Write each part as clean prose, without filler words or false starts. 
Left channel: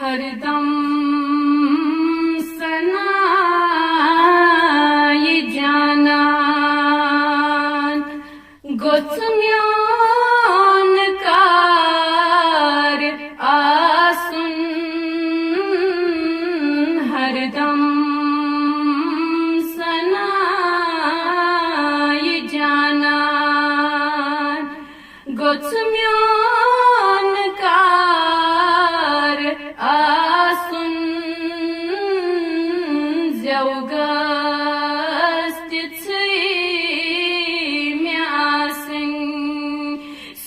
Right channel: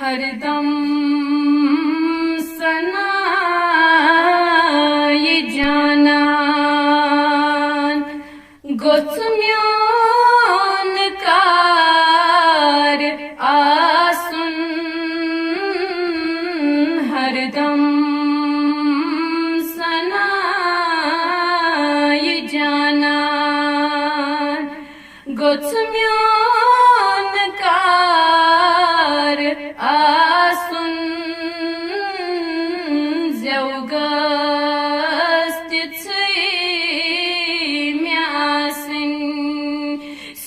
हरदम सनाई जानान गोचम्यान कार आसुन हरदम सनाई जानान गोचम्यान कार आसुन जौगस्त म्यासिन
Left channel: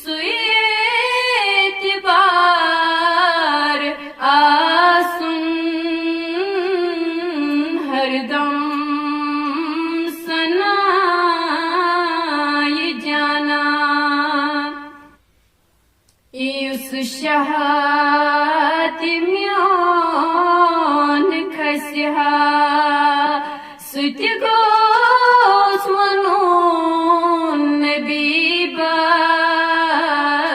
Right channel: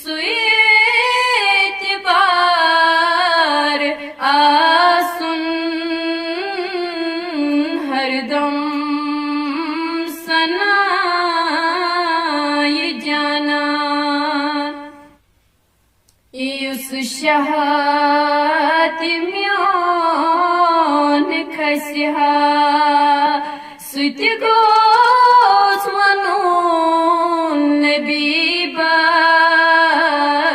सुयेत बार आसुन हरदम सनाई जाना युस शहाति म्योन खस्या सुति गोस मनून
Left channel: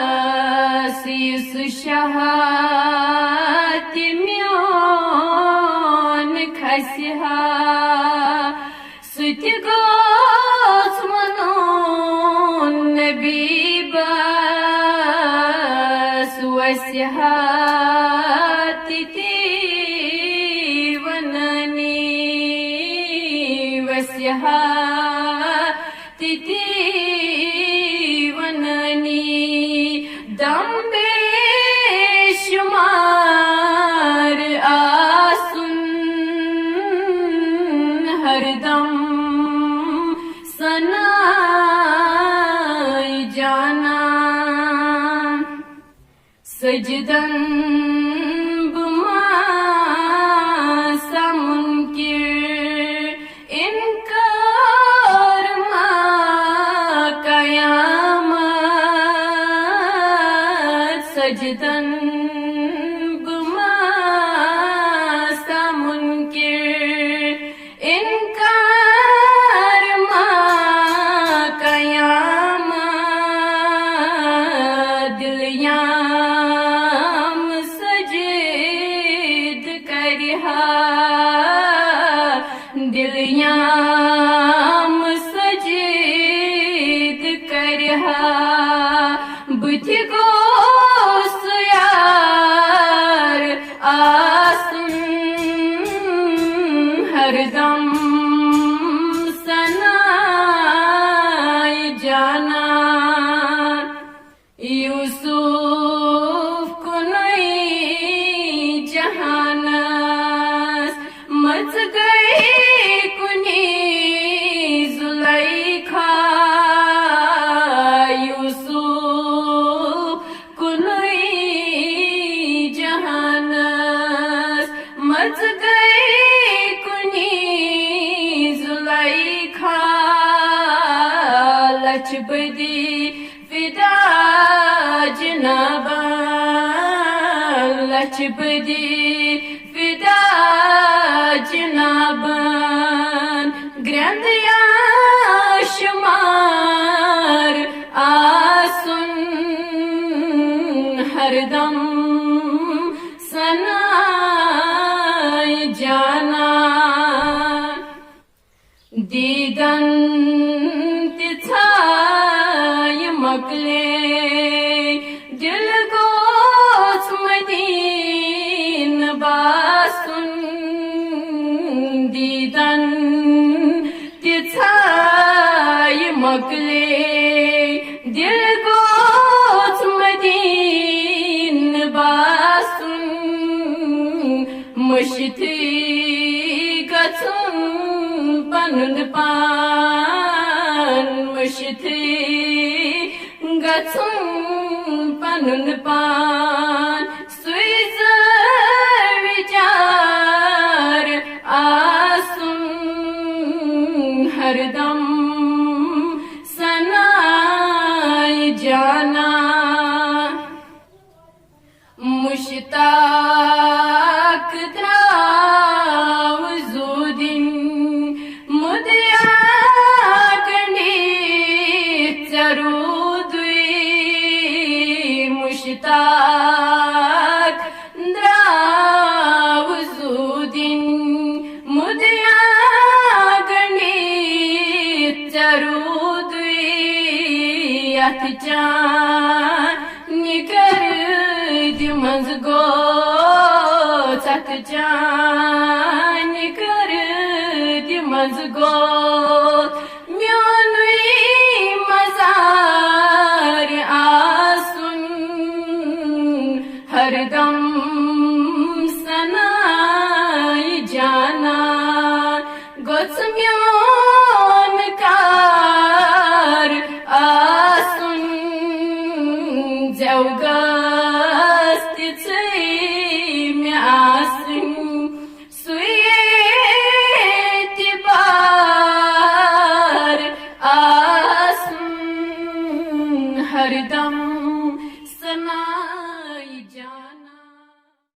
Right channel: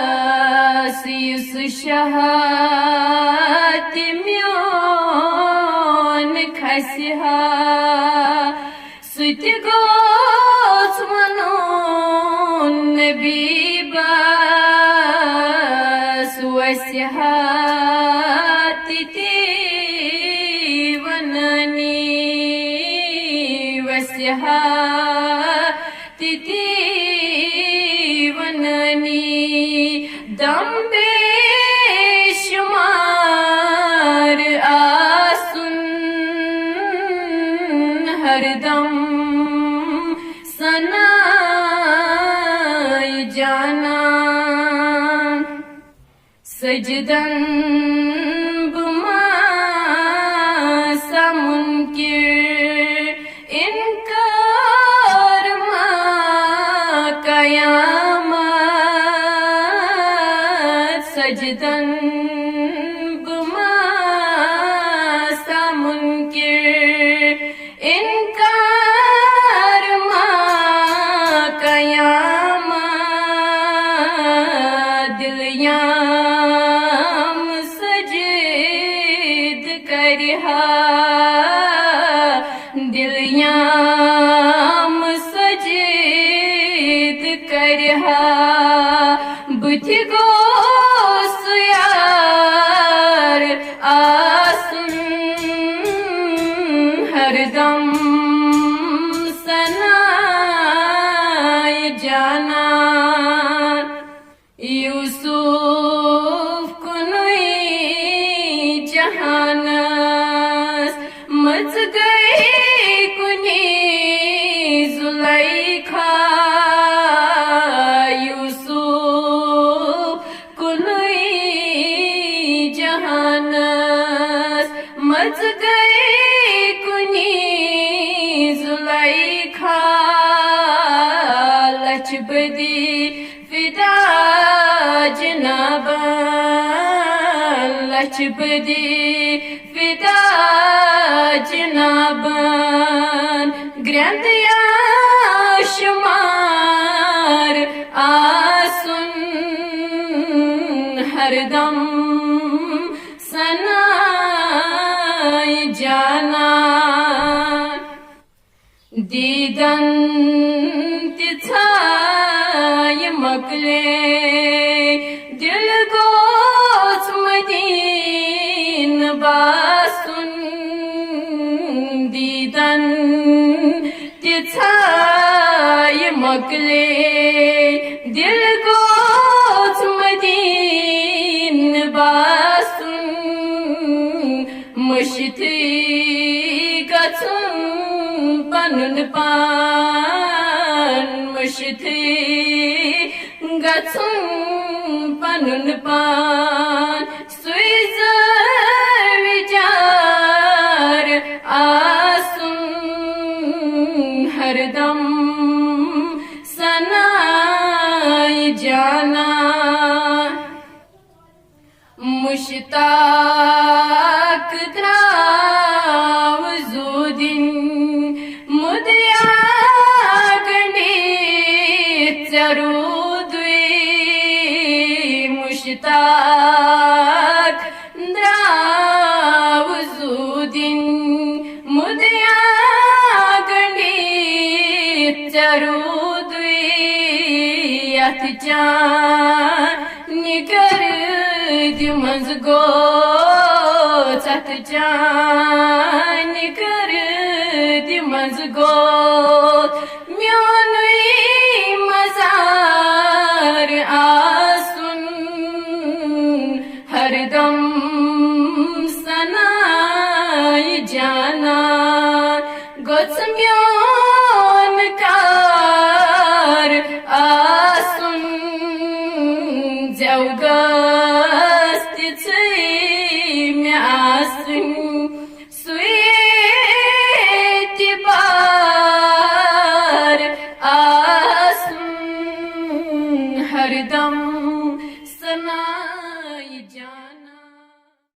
नबीबास युस शहाति म्योन खस्या सुति गोस मनून नबीबास वस्यहाति वननी वस्यहाति वननी दम्बे शुमार आसुन हरदम सनाई जाना सजदन बुमा समुनकिर इनकार मा कयामत सजदन बुमा समुनकिर इनकार मा कयामत दिलिया दिलयाम सजीद करहा बुद्धि गोस यार आसुन हरदम सनाई जाना यूसुफ कुनई जहानस मच गए कुनी जुलैखा यूसुफ कुनई जहानस मच गए कुनी जुलैखा लचबदी फिदा जनाबन लचबदी फिदा जनाबन ग्रंथया शुमार आसुन हरदम सनाई जाना दीदन तिथाय मकले दिल गोस मदीन बासुन दीदन तिथाय मकले दिल गोस मदीन बासुन मशिथी गचुन पनुन पान मशिथी गचुन पनुन पान सुइजर विचार आसुन हरदम सनाई जाना मुश्ताक द्राव जुदिन मुदया गणित जरूद मुश्ताक निकर दिमज गो सत निकर दिमज गो